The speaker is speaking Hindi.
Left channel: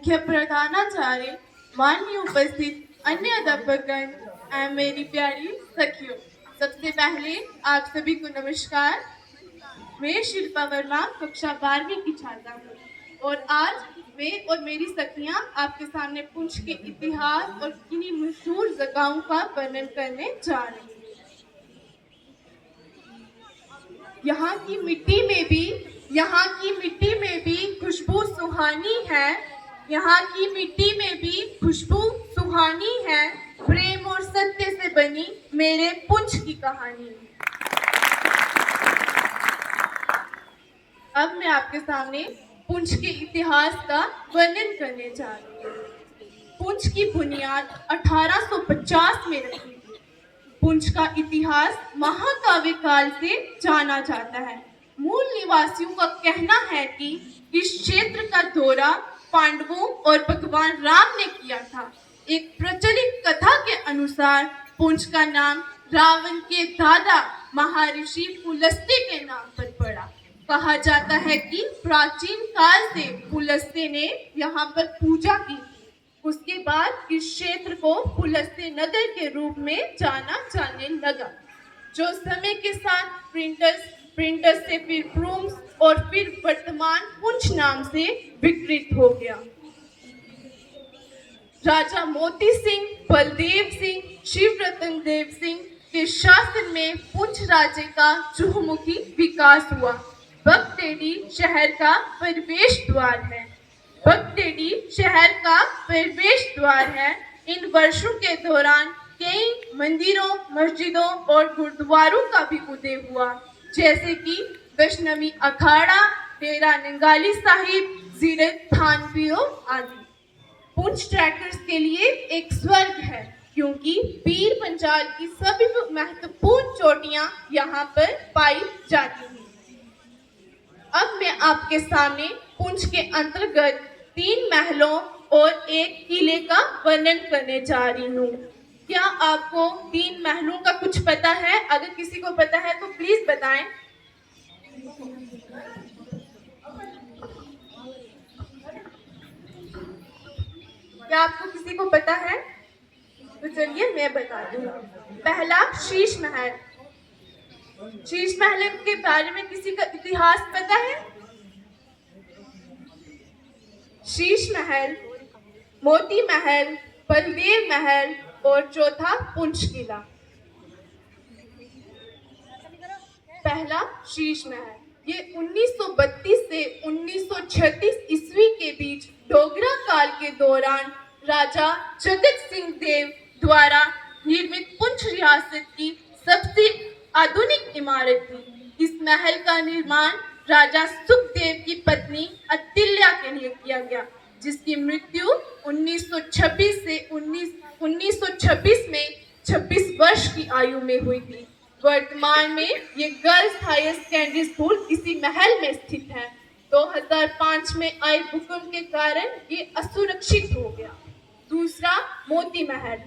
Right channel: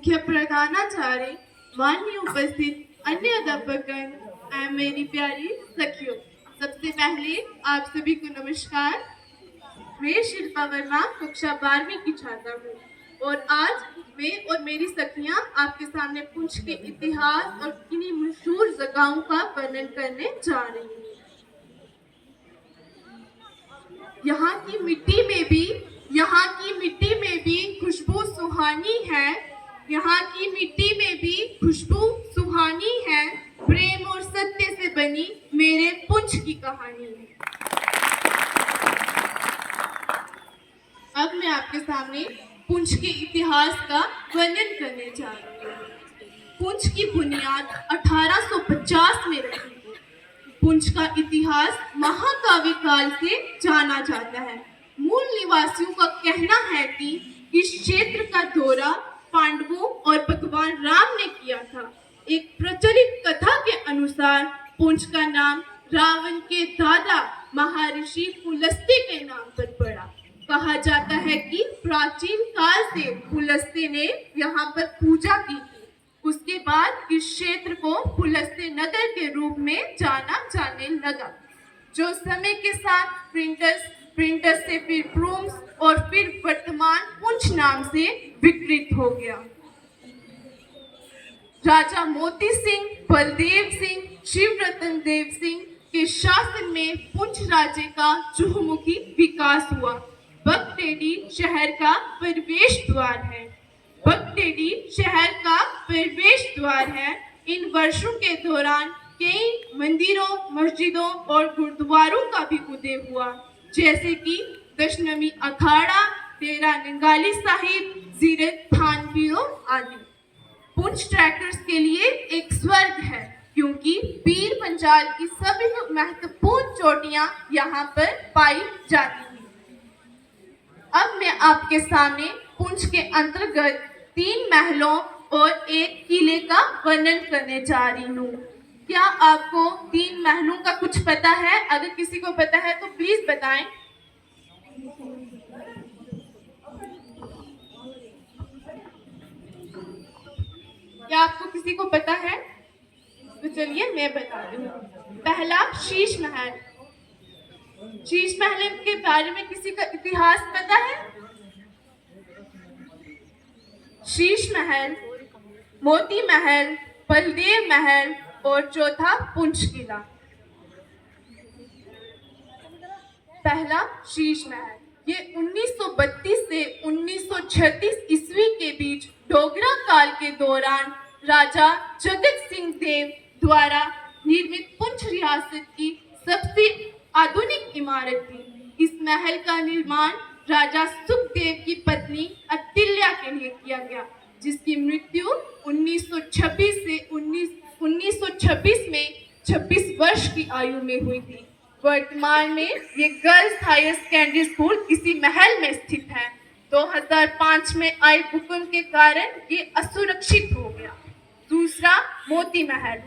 मुख्य प्रधानाचार्य, माननीय उपस्थित अन्य अध्यापकगण एवं मेरी प्यारी सखियों, सबसे पहले आप सभी को नमस्कार। मैं शिल्पा वर्मा कक्षा 12वीं की छात्रा हूँ और आज मैं और मेरी सखियाँ आपके सामने पुंछ के इतिहास और किन्हीं मशहूर जगहों का वर्णन करने जा रही हूँ। यहाँ की मिट्टी में भी खुशबू सुहानी है। यहाँ की मिट्टी में भी खुशबू सुहानी है। प्रेम और सत्य से बनी मेरे पुंछ की कहानी। अब मैं आपके सामने पुंछ के इतिहास का वर्णन करने जा रही हूँ। पुंछ की बुनियाद 1850 में रखी गई। पुंछ का इतिहास महाकाव्य काल से जाना जाता है। मूल निवासियों का कहना है कि इस क्षेत्र का दौरा पांडवों और भगवान राम ने किया था। एक प्रचलित कथा के अनुसार पुंछ का नाम रावण के दादा महर्षि पुलस्त्य के नाम पर पड़ा। कहा जाता है कि प्राचीन काल से पुलस्त्य ने यहाँ पर पूजा की थी। उसके बाद इस क्षेत्र को पुलस्त्य नगर के रूप में जाना जाने लगा, जो समय के साथ प्रिंटर्स से फिर प्रूम्स और फिर वर्तमान पुंछ नाम से विकृत हो गया। राजा मोती सिंह, बलदेव सिंह, शिवरतन देव सिंह के शासन में पुंछ राज्य का चहुमुखी विकास हुआ। बगटेडी शहर का प्रवेश द्वार है। इन वर्षों के दौरान कई मंदिरों, मस्जिदों और गुरुद्वारों का भी उदय हुआ, जैसे कि दशनवी अखाड़ा, डेरा नंगाली साहिब, जीरत थानवीरों आदि। पुंछ ट्रैकर्स के लिए एक स्वर्ग है, क्योंकि पीर पंजाल की सभी महत्वपूर्ण चोटियां यहाँ पर पाई जाती हैं। अब मैं आपके सामने पुंछ के अंतर्गत 3 महलों और एक किले का वर्णन करने जा रही हूँ। क्या आपको 3 महलों का कुछ पता है? अगर किसी को पता है तो प्लीज बताएं। क्या आपको किसी को पता है? तो चलिए मैं बताती हूँ। पहला शीश महल। शीश महल के बारे में किसी का इतिहास पता है? शीश महल, मोती महल, बलदेव महल और चौथा पुंछ किला। पहला शीश महल, ये 1932 से 1936 ईस्वी के बीच डोगरा काल के दौरान राजा जगत सिंह देव द्वारा निर्मित पुंछ रियासत की सबसे आधुनिक इमारत थी। इस महल का निर्माण राजा सुखदेव की पत्नी अतिल्या के लिए किया गया, जिसकी मृत्यु 1926 में 26 वर्ष की आयु में हुई थी। वर्तमान में ये गर्ल्स हायर सेकेंडरी स्कूल इसी महल में स्थित है। 2005 में आए भूकंप के कारण ये असुरक्षित हो गया। दूसरा मोती महल।